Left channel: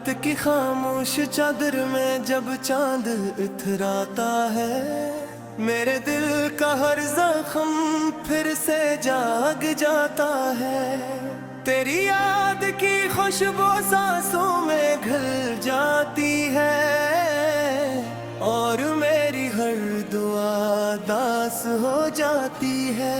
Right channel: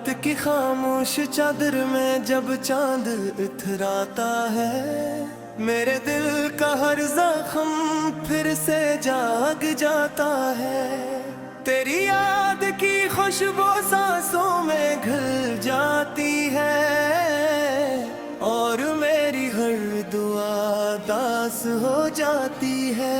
रात की खामोश चादर में जब चांद इथराता है, मेरे दिल का हर जख्म फिर से जाग जाता है। तेरी याद की खुशबू सांसों में घुल जाती है और मेरी हर दुआ दास हो जाती है।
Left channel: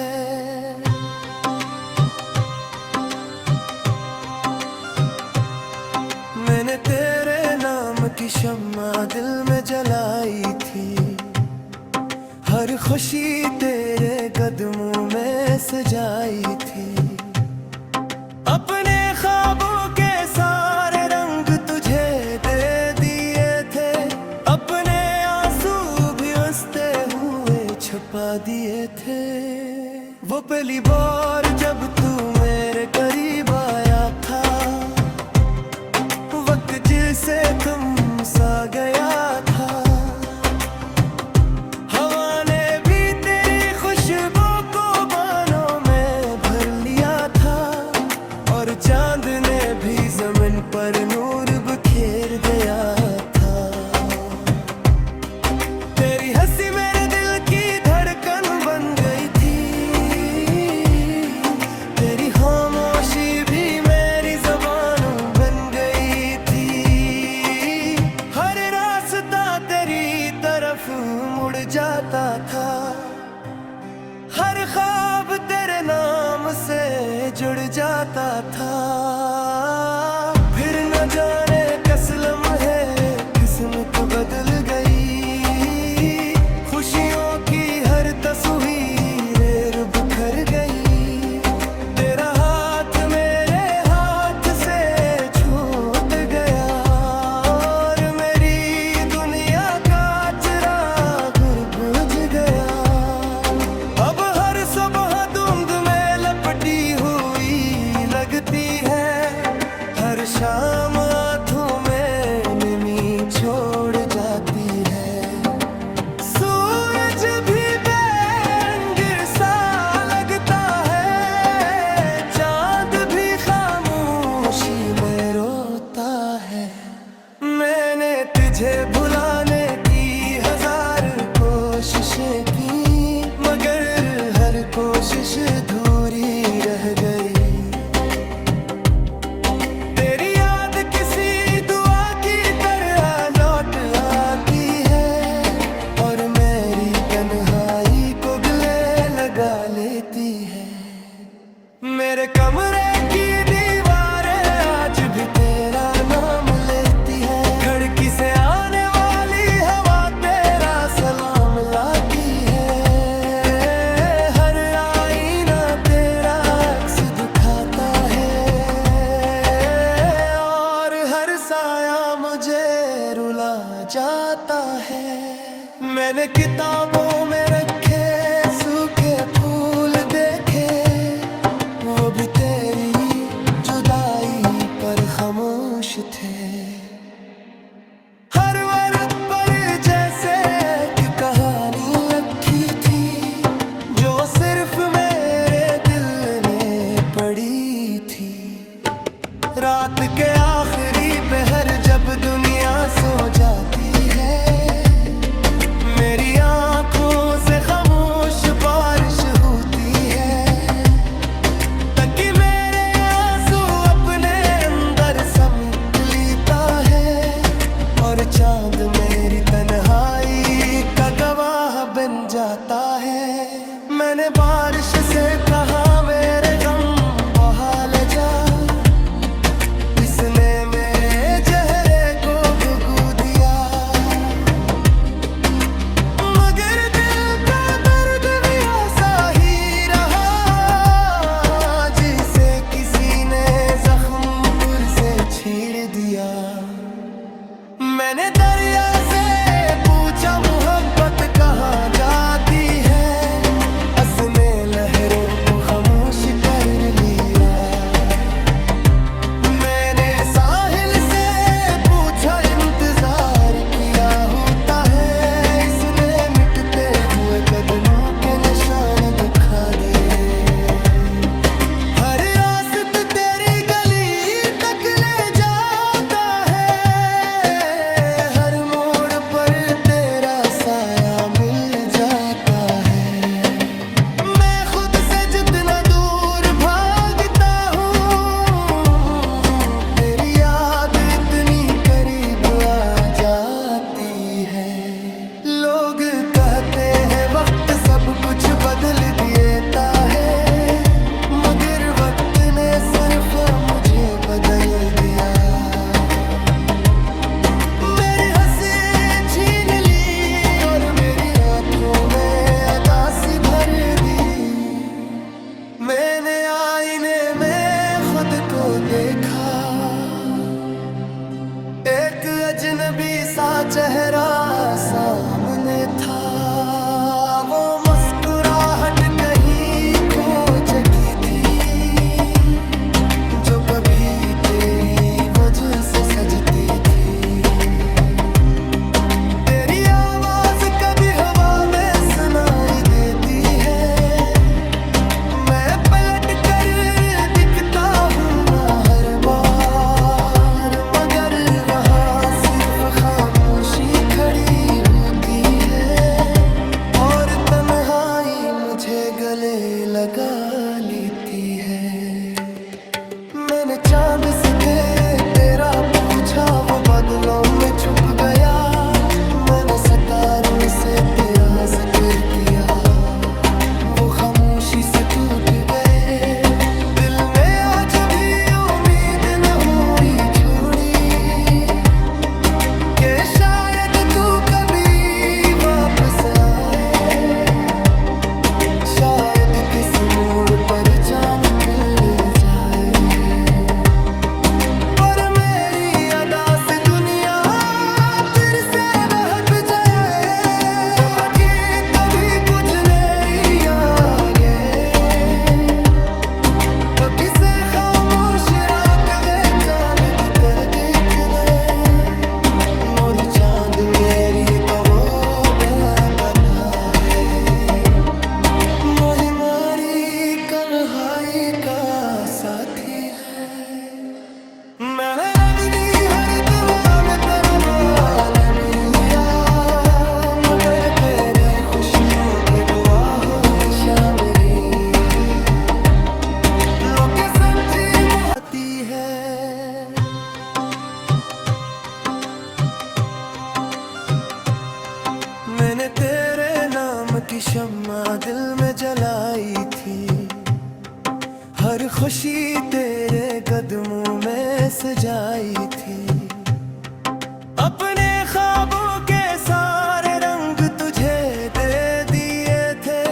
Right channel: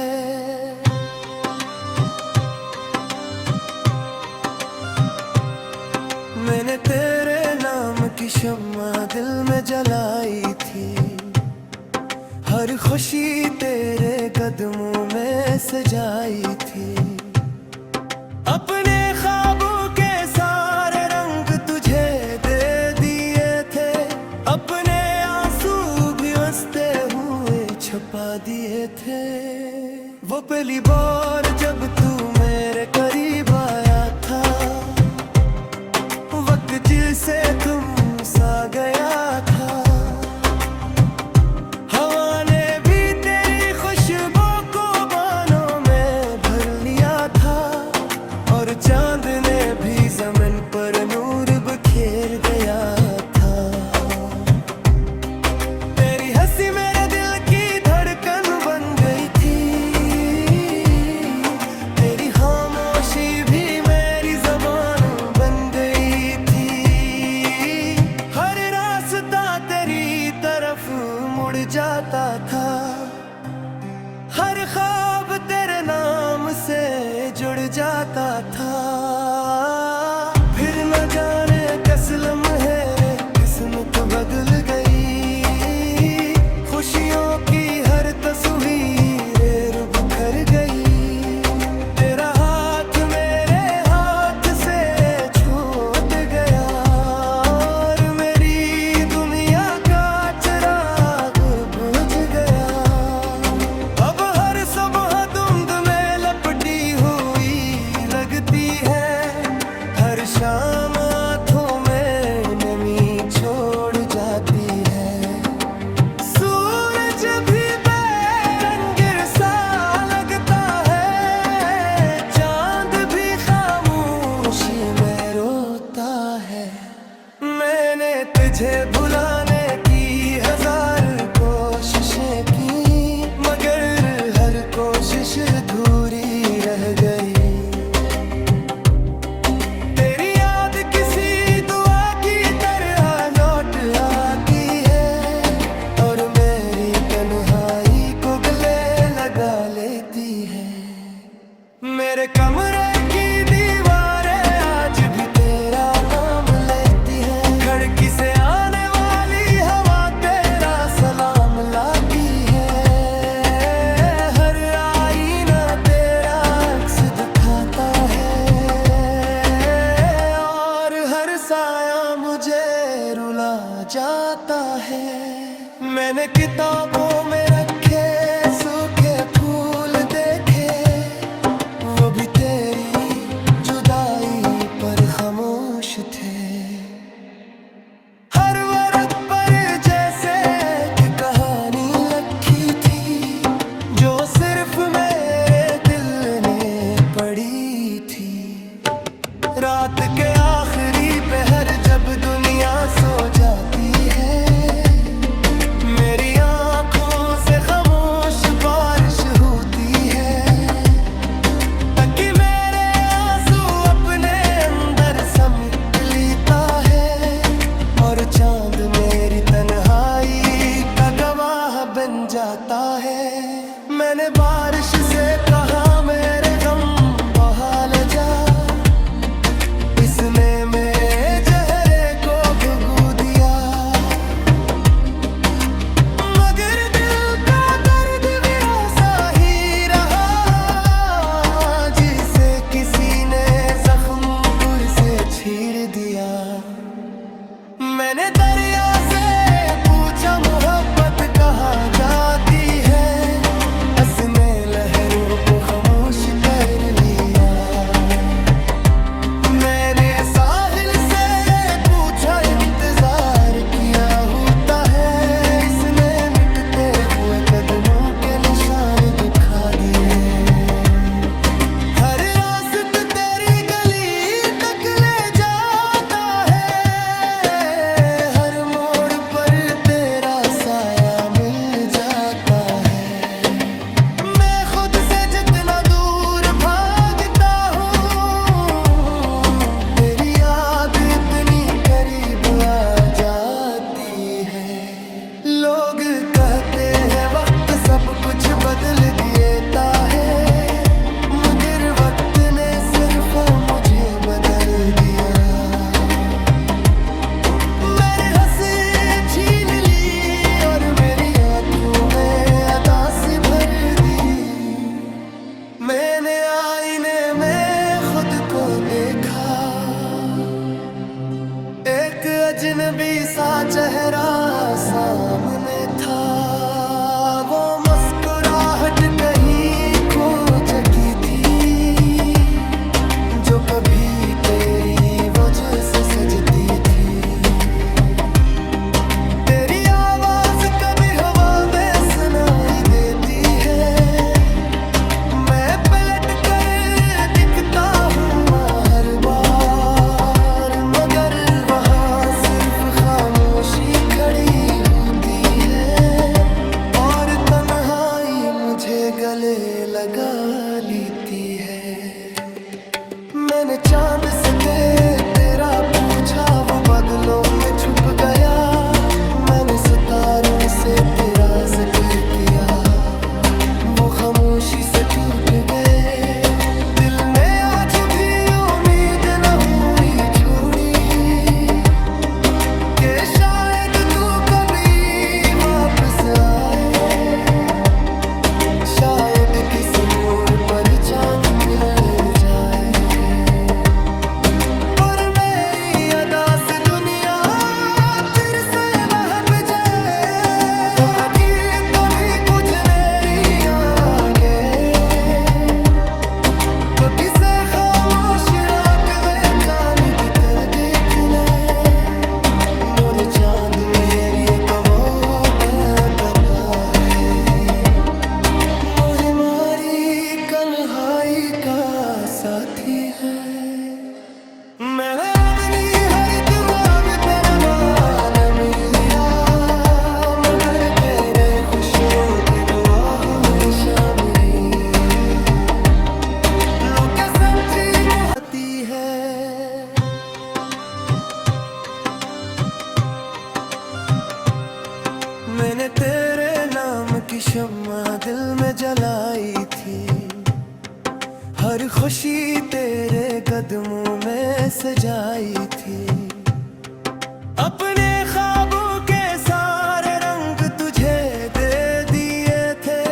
मैंने तेरे नाम की शम्मा दिल में जलाई थी, हर खुशी तेरे कदमों में सजाई थी। अपने ख्वाबों के सारे रंग तुझे दे दिए थे, अपने आंसू भी हंसते हुए छुपा दिए थे। वो पहली बार जब तू मेरे करीब आया था, वक्त जिसे तुम सा गया था। हवा ने भी तेरी खुशबू को बानों में भर लिया था और चांद ने भी ज़मीन पर नूर बिखेर दिया था। तेरी हंसी मेरे दिल की धड़कन बन गई थी, तेरी खामोशी भी मेरी ज़बान बन गई थी। हर रास्ता तेरी तरफ मुड़ जाता था, हर ख्वाब तेरे नाम से जुड़ जाता था। फिर न जाने किस लम्हे किस्मत बदल गई, खुशियों की हर तस्वीर बिखर गई। तेरा हाथ मेरे हाथ से छूट गया और मेरी दुनिया का चिराग बुझ गया। अब हर सुबह धुंध में लपटी हुई लगती है, हर शाम आँखों में नमी छोड़ जाती है। सूरज भी बेरंग सा लगता है, चांद भी खामोशी में रोता है। मैंने तुझे भुलाने की हजार कोशिशें की, मगर हर कोशिश अधूरी रह गई। तेरी याद किसी दुआ की तरह लौट आती है और मेरी तन्हाई को गले लगा लेती है। मेरे कमरे की दीवारें आज भी तेरा नाम लेती है, खिड़की से आने वाली हवा तेरा सलाम लाती है। हर आईना तेरा अक्स दिखाता है और हर साया मुझे रुला जाता है। मैंने किताबों में रखे सूखे फूल देखे, वो भी तेरी जुदाई पर खामोश थे। हर वर्क पर जैसे एक कहानी लिखी थी, जो सिर्फ मेरे दिल ने पढ़ी थी। रात के आखिरी पहर जब दुनिया सो जाती है, मेरी आंखों से खामोश बारिश होती है, ताकि मेरे आंसू अपने अंदर समेट लेता है और चांद मेरी तन्हाई का गवाह बन जाता है। मैंने बारिश से कहा मेरे गम बहा ले जा, इसने मेरे चेहरे को भुगू दिया। मगर दिल का दर्द भी ऐसा ही रहा, जिसे किसी ने जख्म पुर से छीड़ दिया। मैंने दरिया से पूछा मोहब्बत कहाँ जाती है, उसने लहरों को खामोश कर लिया। मैंने साहिल से आती है। लोग कहते हैं वक्त सब कुछ बदल देता है, मगर वक्त ने सिर्फ मुझे बदल दिया। मेरी हंसी छीन ली और मेरी आंखों में अदासी भर दी। मैंने आईने में खुद को देखा, एक अजनबी सा चेहरा सामने था। वो मुस्कुराहट कहीं खो चुकी थी, जो कभी तेरी वजह से सजती थी। तेरी आवाज कभी हवा में सुनाई देती है, मैं पलट कर दिखता हूँ हर बार, मगर वहाँ सिर्फ खामोशी खड़ी होती है और तन्हाई मुझे गले लगा लेती है। मैंने चांद से तेरा पूछा, वो बादलों में छुप गया। मैंने सितारों से तेरा जिक्र किया, वो खामोशी से टूट गए। दिल ने आज भी उम्मीद न हुई छोड़ी कि शायद तू कभी वापस आए, शायद किसी मोड़ पर चांद खिल जाए। पर मेरी अदा से दुनिया फिर से बहक जाए, आगे कभी कुछ नेरी आगे पपी से खामोश रात वे चांद कर देखने। मोर चांद मेरी एक वो बताता है, मोही मारी कन्हाई का साथी है। मैं अपनी हर दुआ में तेरा मान मिल लिया, मगर तेरे खुशियों के दुआ हुई शामिली। लोग सच्ची मोहती है, मैंने तेरे नाम की शम्मा दिल में जलाई थी। हर खुशी तेरे कदमों में सजाई थी। अपने ख्वाबों के सारे रंग तुझे दे दिए थे,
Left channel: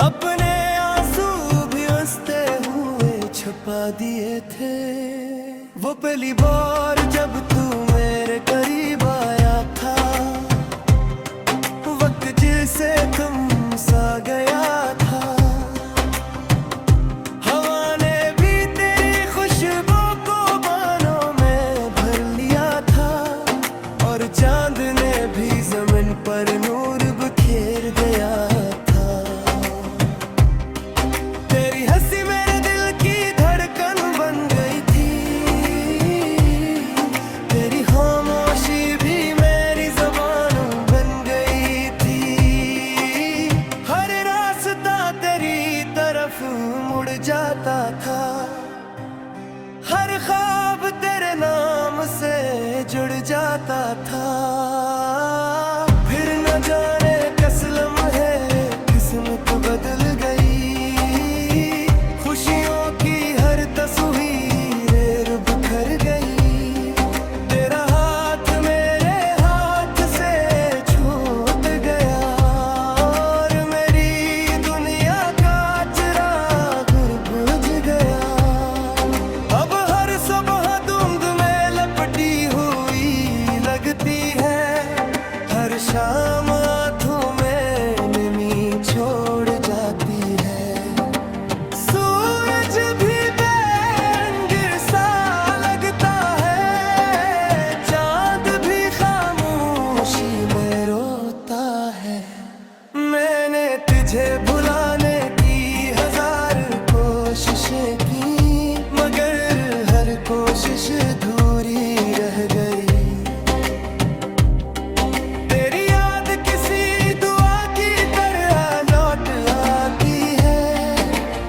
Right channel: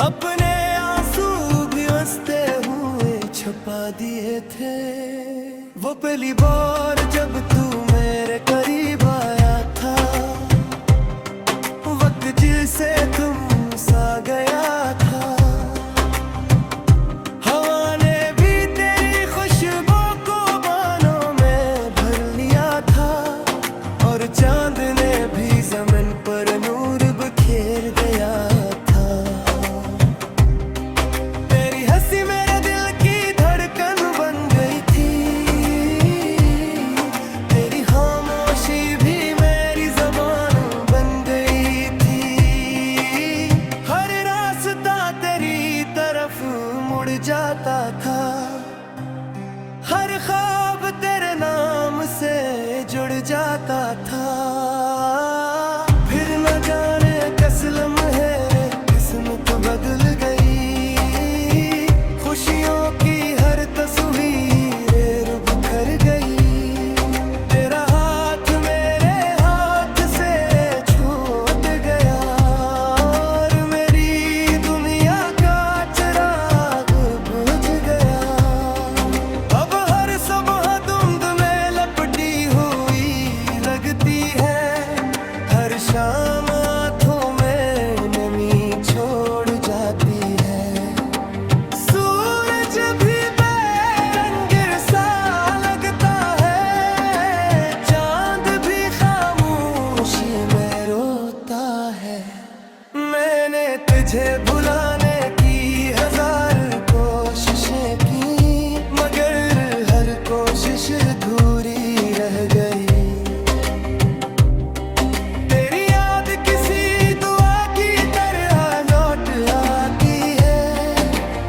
अपने आंसू भी हंसते हुए छुपा दिए थे। वो पहली बार जब तू मेरे करीब आया था, वक्त जिसे तुम सा गया था। हवा ने भी तेरी खुशबू को बानों में भर लिया था, और चांद ने भी ज़मीन पर नूर बिखेर गया था। तेरी हंसी मेरे दिल की धड़कन बन गई थी, तेरी खामोशी भी मेरी ज़बान बन गई थी। हर रास्ता तेरी तरफ मुड़ जाता था, हर ख्वाब तेरे नाम से जुड़ जाता था। फिर न जाने किस लम्हे किस्मत बदल गई, खुशियों की हर तस्वीर बिखर गई। तेरा हाथ मेरे हाथ से छूट गया, और मेरी दुनिया का चिराग बुझ गया। अब हर सुबह धुंध में लपटी हुई लगती है, हर शाम आँखों में नमी छोड़ जाती है। सूरज भी बेरंग सा लगता है, चांद भी खामोशी में रोता है। मैंने तुझे भुलाने की हजार कोशिशें की, मगर हर कोशिश अधूरी रह गई। तेरी याद किसी दुआ की तरह लौट आती है,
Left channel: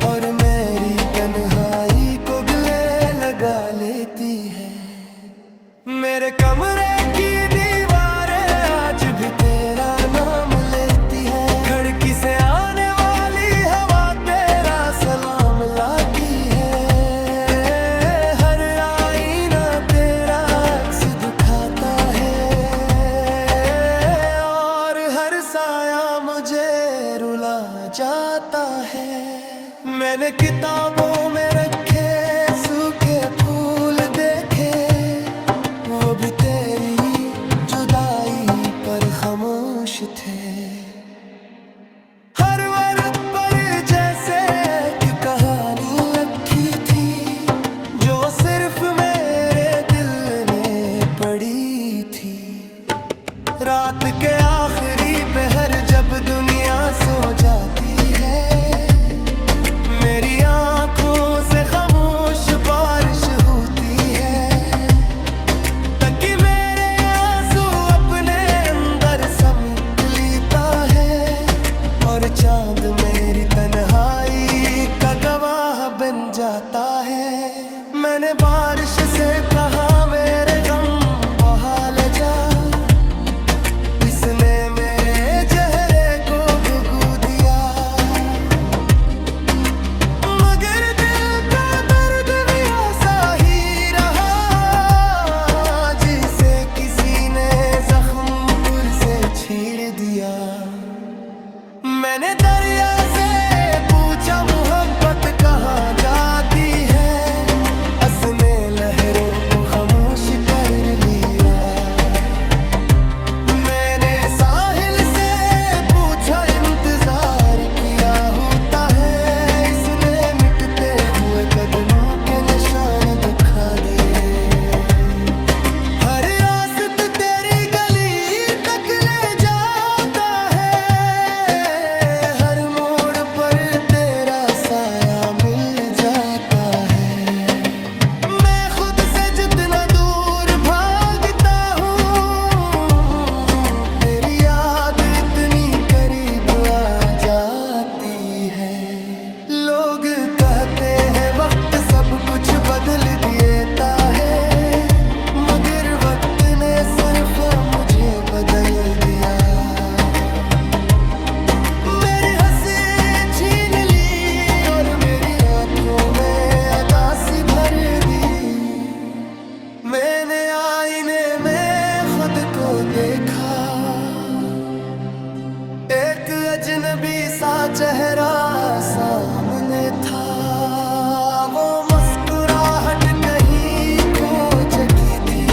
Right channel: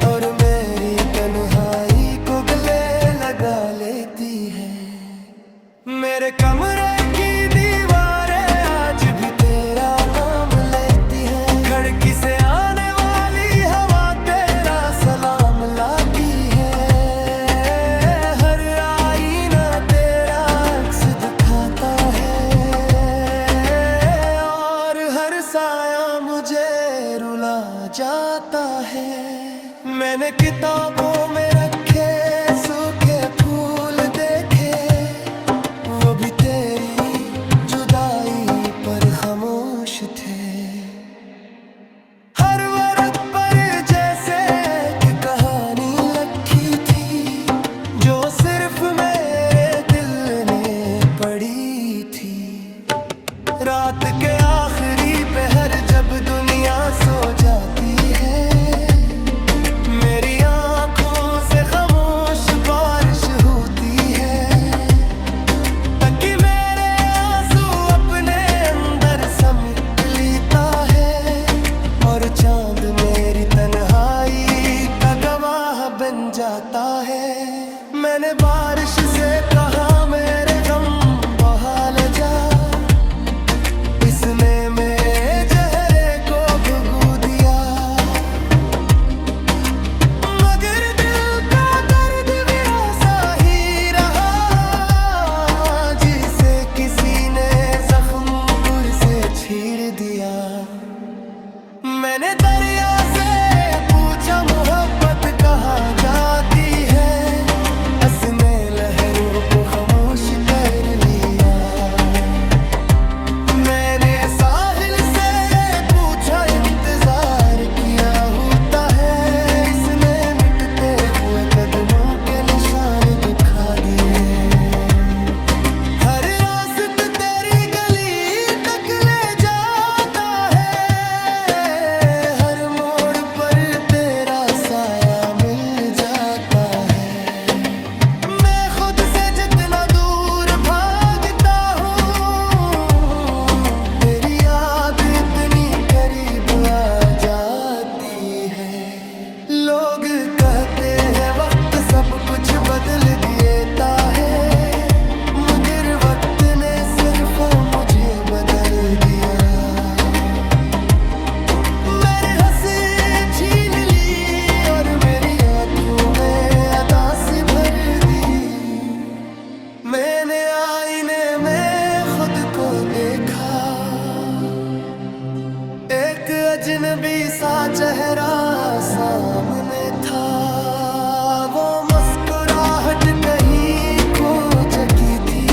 और मेरी तन्हाई को गले लगा लेती है। मेरे कमरे की दीवारें आज भी तेरा नाम लेती है। खिड़की से आने वाली हवा तेरा सलाम लाती है। हर आईना तेरा अक्स दिखाता है और हर साया मुझे रुला जाता है। मैंने किताबों में रखे सूखे फूल देखे, वो भी तेरी जुदाई पर खामोश थे। हर वर्क पर जैसे एक कहानी लिखी थी, जो सिर्फ मेरे दिल ने पढ़ी थी। रात के आखिरी पहर जब दुनिया सो जाती है, मेरी आंखों से खामोश बारिश होती है, ताकि मेरे आंसू अपने अंदर समेट लेता है और चांद मेरी तन्हाई का गवाह बन जाता है। मैंने बारिश से कहा मेरे गम बहा ले जा, इसने मेरे चेहरे को भुगू दिया। मगर दिल का दर्द भी ऐसा ही रहा, जिसे किसी ने जख्म पुर से छीड़ दिया। मैंने दरिया से पूछा मोहब्बत कहाँ जाती है, उसने लहरों को खामोश कर लिया। मैंने साहिल से पूछा इंतजार किया होता है, इसने मिटते हुए कदमों के निशान दिखा दिए। हर रास्ता तेरी गली तक ले जाता है, हर मोड़ पर तेरा साया मिल जाता है। मैं खुद से जितना दूर भागता हूँ, तेरी याद इतनी करीब आ जाती है। लोग कहते हैं वक्त सब कुछ बदल देता है, मगर वक्त ने सिर्फ मुझे बदल दिया। मेरी हंसी छीन ली और मेरी आंखों में अदासी भर दी। मैंने आईने में खुद को देखा, एक अजनबी सा चेहरा सामने था। वो मुस्कुराहट कहीं खो चुकी थी,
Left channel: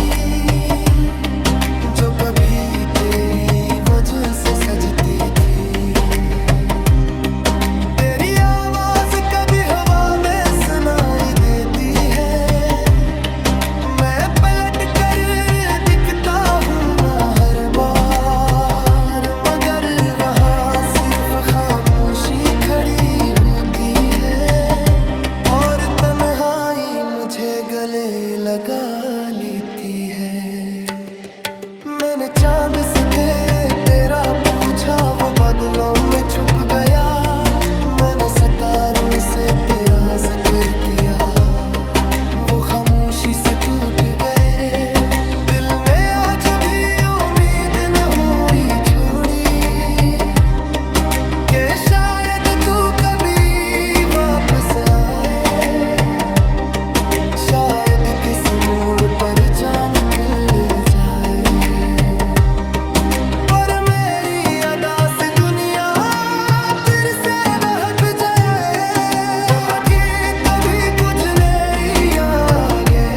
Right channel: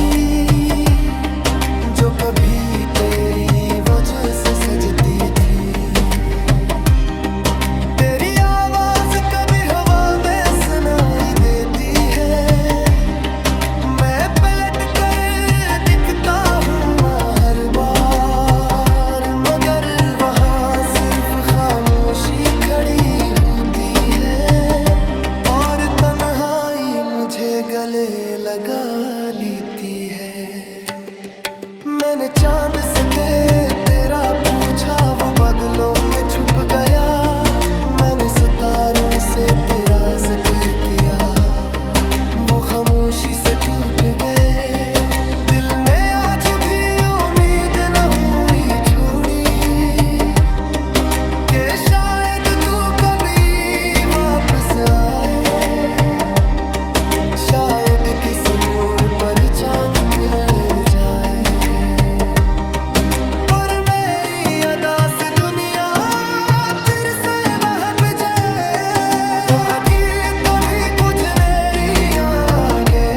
जो कभी तेरी वजह से सजती थी। तेरी आवाज कभी हवा में सुनाई देती है, मैं पलट कर दिखता हूँ हर बार, मगर वहाँ सिर्फ खामोशी खड़ी होती है और तन्हाई मुझे गले लगा लेती है। मैंने चांद से तेरा पूछा, वो बादलों में छुप गया। मैंने सितारों से तेरा जिक्र किया, वो खामोशी से टूट गए। दिल ने आज भी उम्मीद न हुई छोड़ी कि शायद तू कभी वापस आए, शायद किस मोड़ पर चांद खिल जाए। पर मेरी अदा से दुनिया फिर से बहक जाए, तो आगे कभी कुछ नेरी आगे,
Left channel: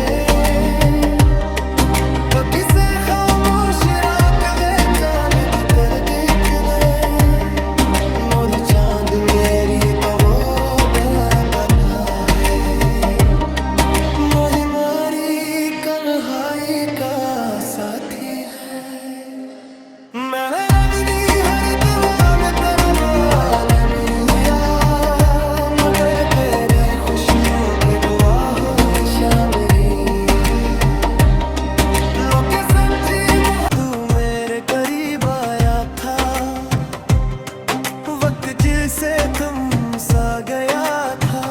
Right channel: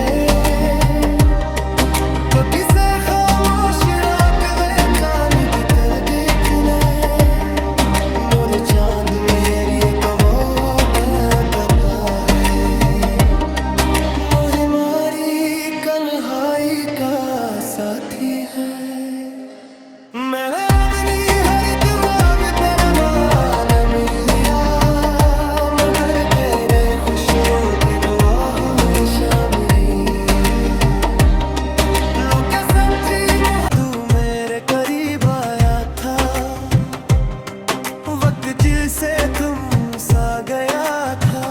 तो किसे खामोश रात में चांद कर देखने। मोर चांद मेरी एक वो बकता है, मोहि मारी कन्हाई का साथी है। मैं अपनी हर दुआ में तेरा मान मिलिया, मगर तेरे खुशियों के दुआ हो शामिली। लोग सच्ची तू मेरे करीब आया था, वक्त जिसे तुम सा गया था।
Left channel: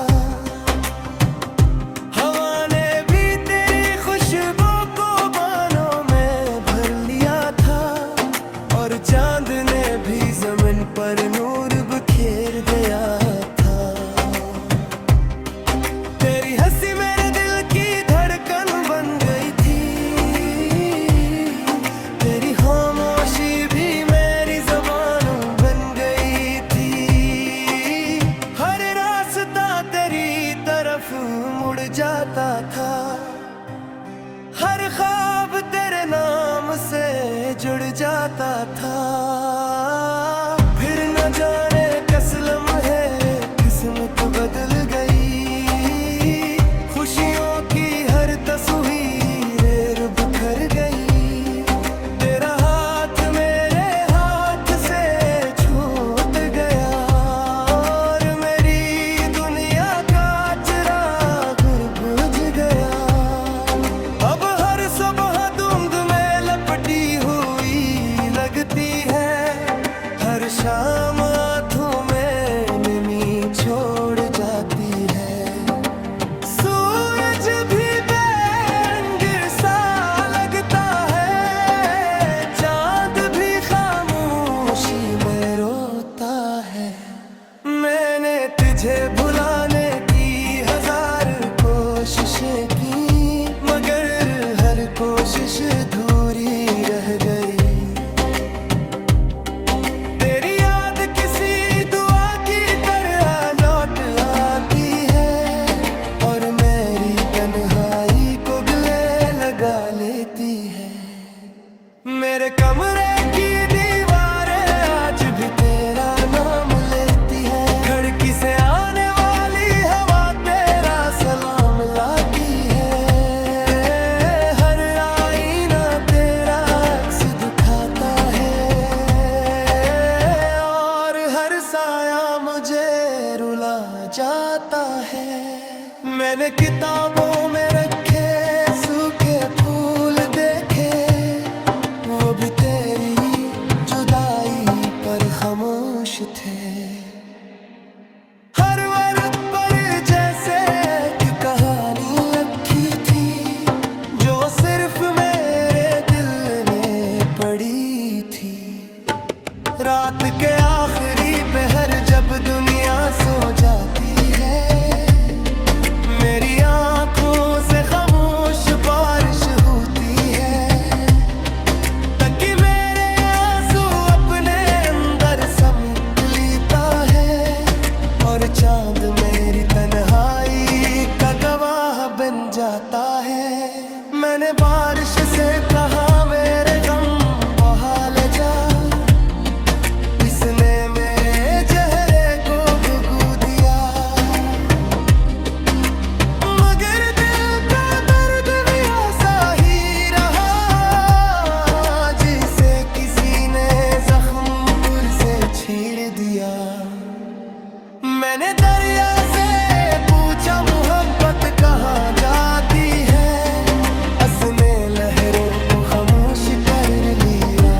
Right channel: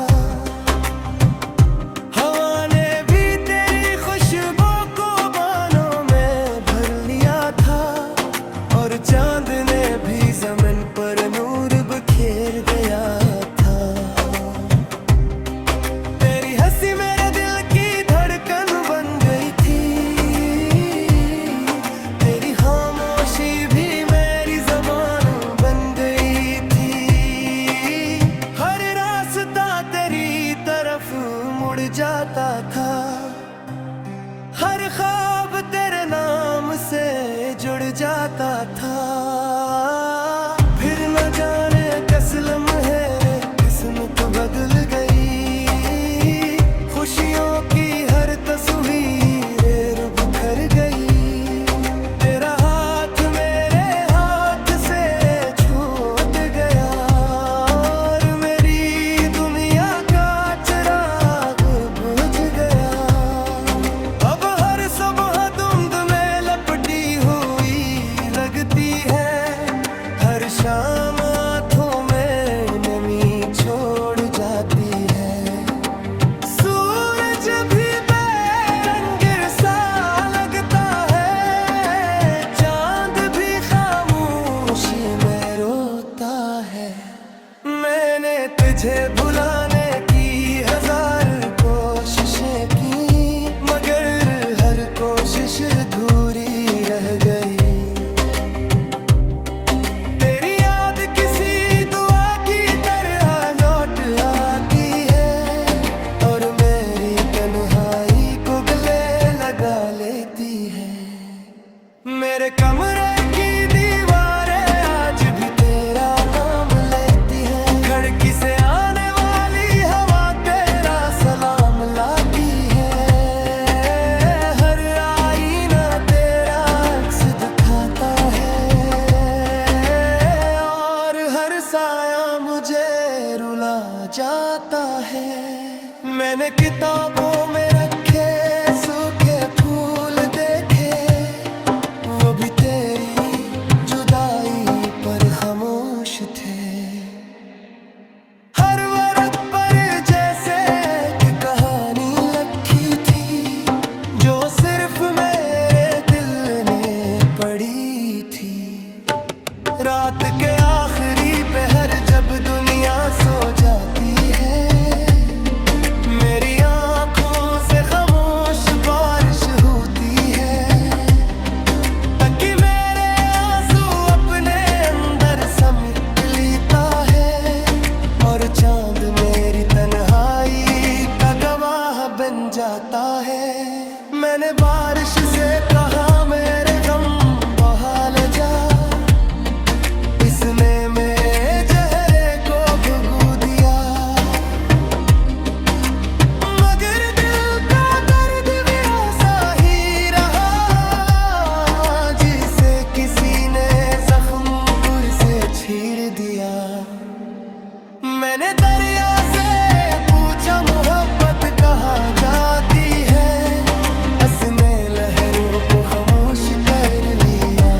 हवा ने भी तेरी खुशबू को बानों में भर लिया था और चांद ने भी जमीन पर नूर बिखेर दिया था। तेरी हंसी मेरे दिल की धड़कन बन गई थी, तेरी खामोशी भी मेरी जुबान बन गई थी। हर रास्ता तेरी तरफ मुड़ जाता था, हर ख्वाब तेरे नाम से जुड़ जाता था। फिर न जाने किस लम्हे किस्मत बदल गई, खुशियों की हर तस्वीर बिखर गई। तेरा हाथ मेरे हाथ से छूट गया और मेरी दुनिया का चिराग बुझ गया। अब हर सुबह धुंध में लपटी हुई लगती है, हर शाम आँखों में नमी छोड़ जाती है। सूरज भी बेरंग सा लगता है, चांद भी खामोशी में रोता है। मैंने तुझे भुलाने की हजार कोशिशें की, मगर हर कोशिश अधूरी रह गई। तेरी याद किसी दुआ की तरह लौट आती है और मेरी तन्हाई को गले लगा लेती है। मेरे कमरे की दीवारें आज भी तेरा नाम लेती हैं, खिड़की से आने वाली हवा तेरा सलाम लाती है। हर आईना तेरा अक्स दिखाता है और हर साया मुझे रुला जाता है। मैंने किताबों में रखे सूखे फूल देखे, वो भी तेरी जुदाई पर खामोश थे। हर वर्क पर जैसे एक कहानी लिखी थी, जो सिर्फ मेरे दिल ने पढ़ी थी। रात के आखिरी पहर जब दुनिया सो जाती है, मेरी आंखों से खामोश बारिश होती है, ताकि मेरे आंसू अपने अंदर समेट लेता है और चांद मेरी तन्हाई का गवाह बन जाता है। मैंने बारिश से कहा मेरे गम बहा ले जा, इसने मेरे चेहरे को भुगू दिया, मगर दिल का दर्द भी ऐसा ही रहा, जिसे किसी ने जख्म पुर से छीड़ दिया। मैंने दरिया से पूछा मोहब्बत कहाँ जाती है, उसने लहरों को खामोश कर लिया।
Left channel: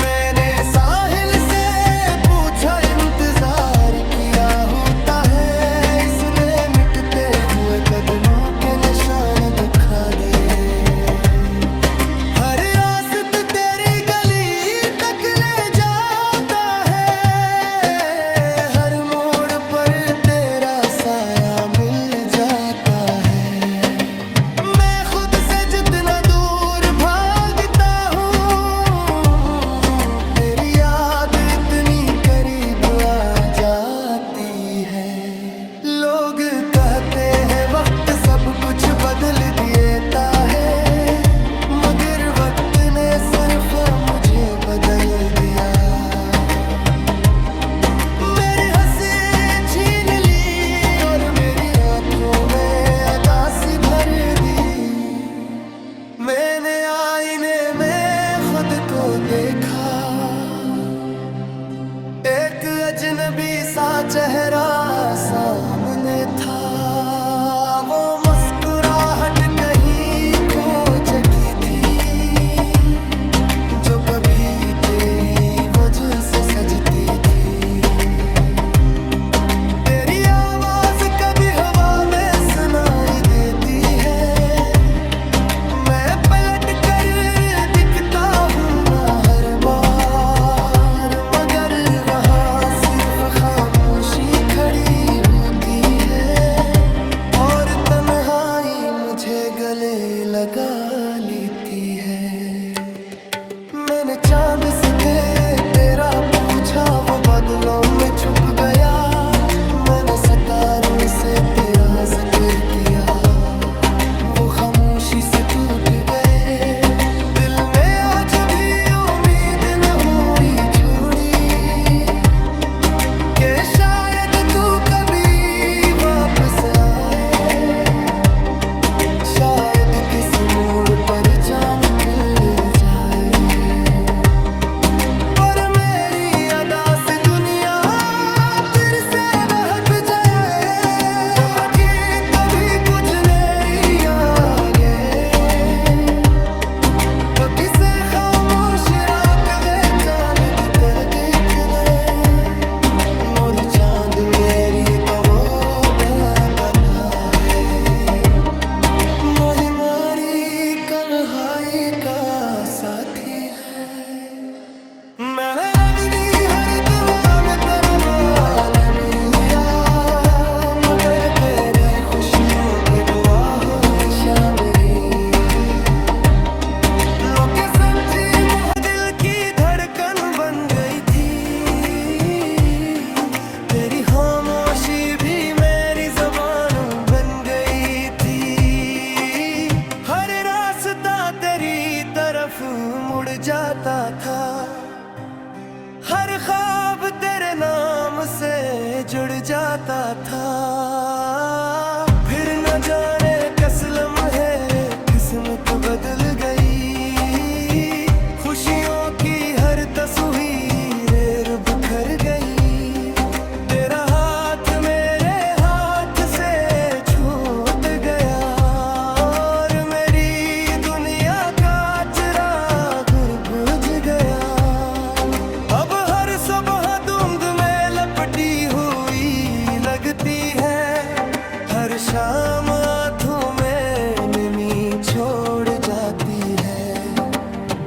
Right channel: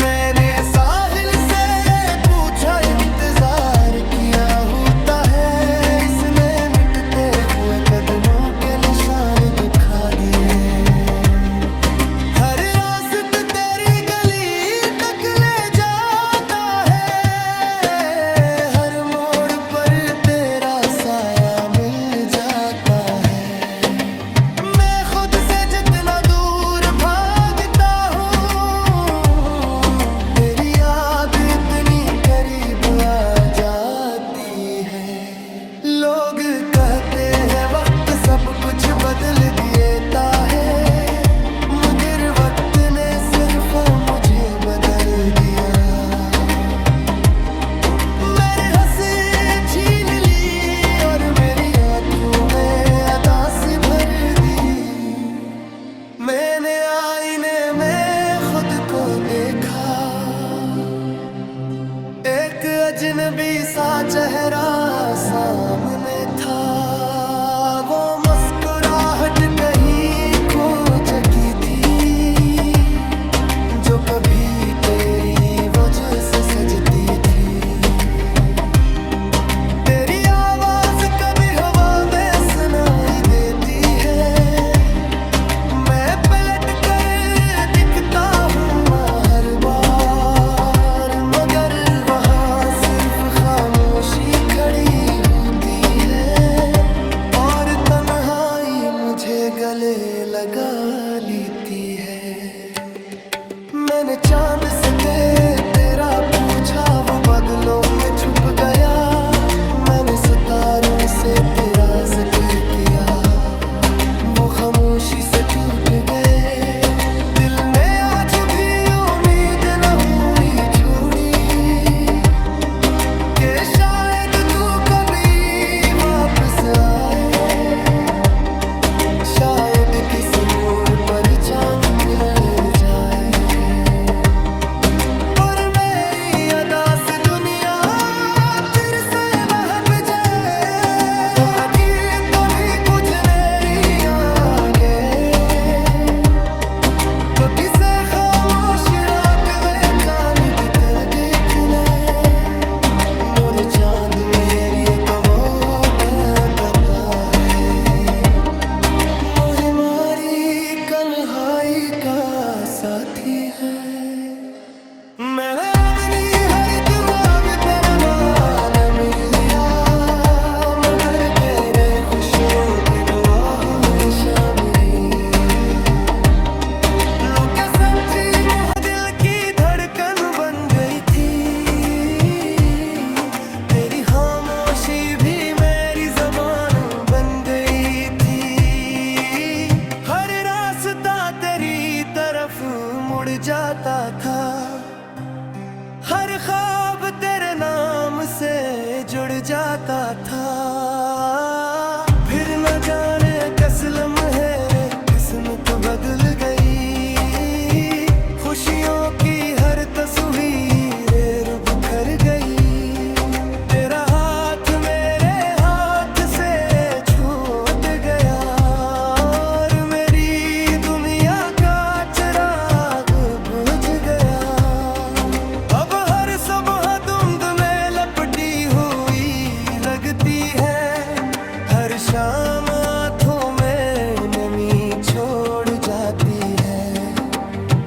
मैंने साहिल से पूछा इंतजार किया होता है, इसने मिटते हुए कदमों के निशान दिखा दिए। हर रास्ता तेरी गली तक ले जाता है, हर मोड़ पर तेरा साया मिल जाता है। मैं खुद से जितना दूर भागता हूँ, तेरी याद इतनी करीब आ जाती है। लोग कहते हैं वक्त सब कुछ बदल देता है, मगर वक्त ने सिर्फ मुझे बदल दिया। मेरी हंसी छीन ली और मेरी आंखों में अदासी भर दी। मैंने आईने में खुद को देखा, एक अजनबी सा चेहरा सामने था। वो मुस्कुराहट कहीं खो चुकी थी, जो कभी तेरी वजह से सजती थी। तेरी आवाज कभी हवा में सुनाई देती है, मैं पलट कर दिखता हूँ गले लगा लेती है। मैंने चांद से तेरा पूछा, वो बादलों में छुप गया। मैंने सितारों से तेरा जिक्र किया, वो खामोशी से टूट गए। दिल ने आज भी उम्मीद न हुई छोड़ी कि शायद तू कभी वापस आए। शायद किसी मोड़ पर चांद खिल जाए, पर मेरी अदा से दुनिया फिर से बहक जाए। तो हकीकत कभी कुछ नेरी आगे, तो किसे खामोश रात वे चांद कर देखने। मोर चांद मेरी एक वो बताता है, मोही मारी कन्हाई का साथी है। मैं अपनी हर दुआ में तेरा मान मिलिया, मगर तेरे खुशियों के दुआ हूँ शामिली। लोग सच्ची मुँह दिल की धड़कन बन गई थी, तेरी खामोशी भी मेरी जुबान बन गई थी। हर रास्ता तेरी तरफ मुड़ जाता था, हर ख्वाब तेरे नाम से जुड़ जाता था। फिर न जाने किस लम्हे किस्मत बदल गई, खुशियों की हर तस्वीर बिखर गई। तेरा हाथ मेरे हाथ से छूट गया, और मेरी दुनिया का चिराग बुझ गया। अब हर सुबह धुंध में लपटी हुई लगती है, हर शाम आँखों में नमी छोड़ जाती है।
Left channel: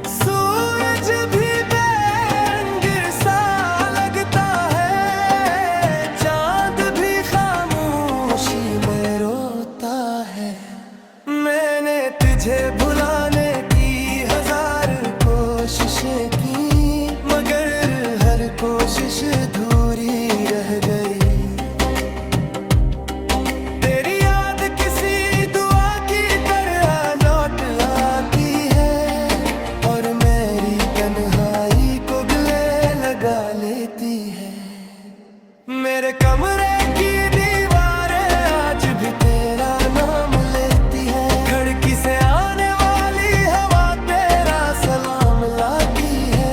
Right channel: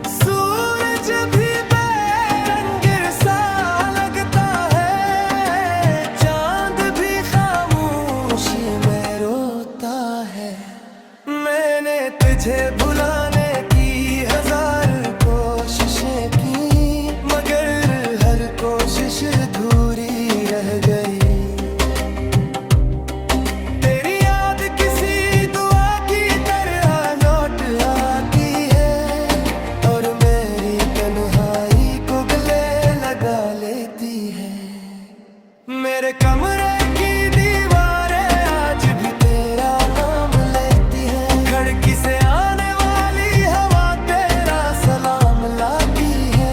सूरज भी बेरंग सा लगता है, चांद भी खामोशी में रोता है। मैंने तुझे भुलाने की हजार कोशिशें की, मगर हर कोशिश अधूरी रह गई। तेरी याद किसी दुआ की तरह लौट आती है, और मेरी तन्हाई को गले लगा लेती है। मेरे कमरे की दीवारें आज भी तेरा नाम लेती है, खिड़की से आने वाली हवा तेरा सलाम लाती है।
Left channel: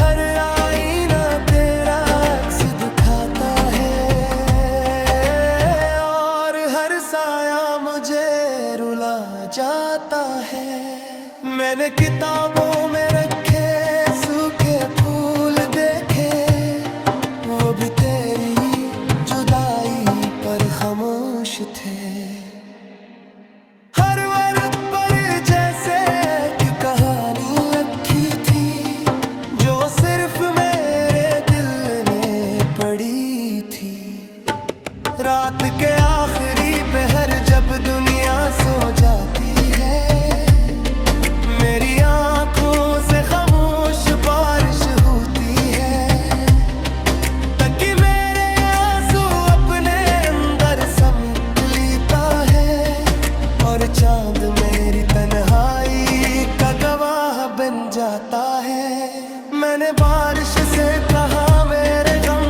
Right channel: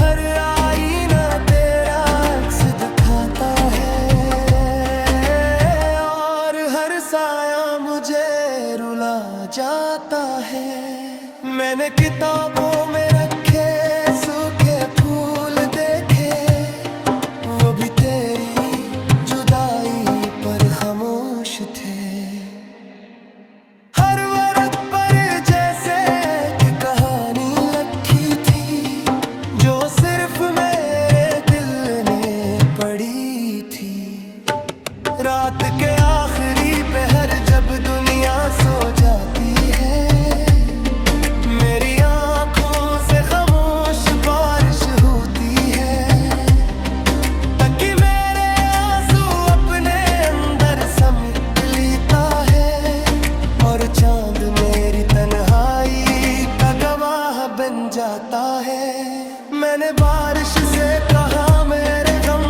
हर आईना तेरा अक्स दिखाता है, और हर साया मुझे रुला जाता है। मैंने किताबों में रखे सूखे फूल देखे, वो भी तेरी जुदाई पर खामोश थे। हर वर्क पर जैसे एक कहानी लिखी थी, जो सिर्फ मेरे दिल ने पढ़ी थी। रात के आखिरी पहर जब दुनिया सो जाती है, मेरी आंखों से खामोश बारिश होती है, ताकि मेरे आंसू अपने अंदर समेट लेता है। और चांद मेरी तन्हाई का गवाह बन जाता है। मैंने बारिश से कहा मेरे गम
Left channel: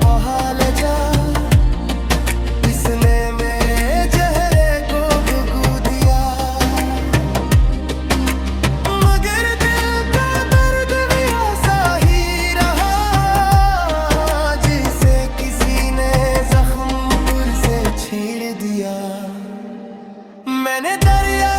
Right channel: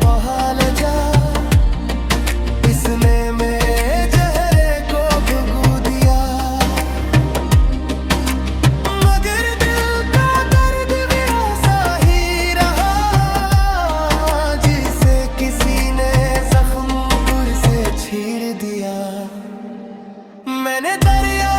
बहा ले जा, इसने मेरे चेहरे को भुगू दिया, मगर दिल का दर्द भी ऐसा ही रहा, जिसे किसी ने जख्म पुर से छीड़ दिया। मैंने दरिया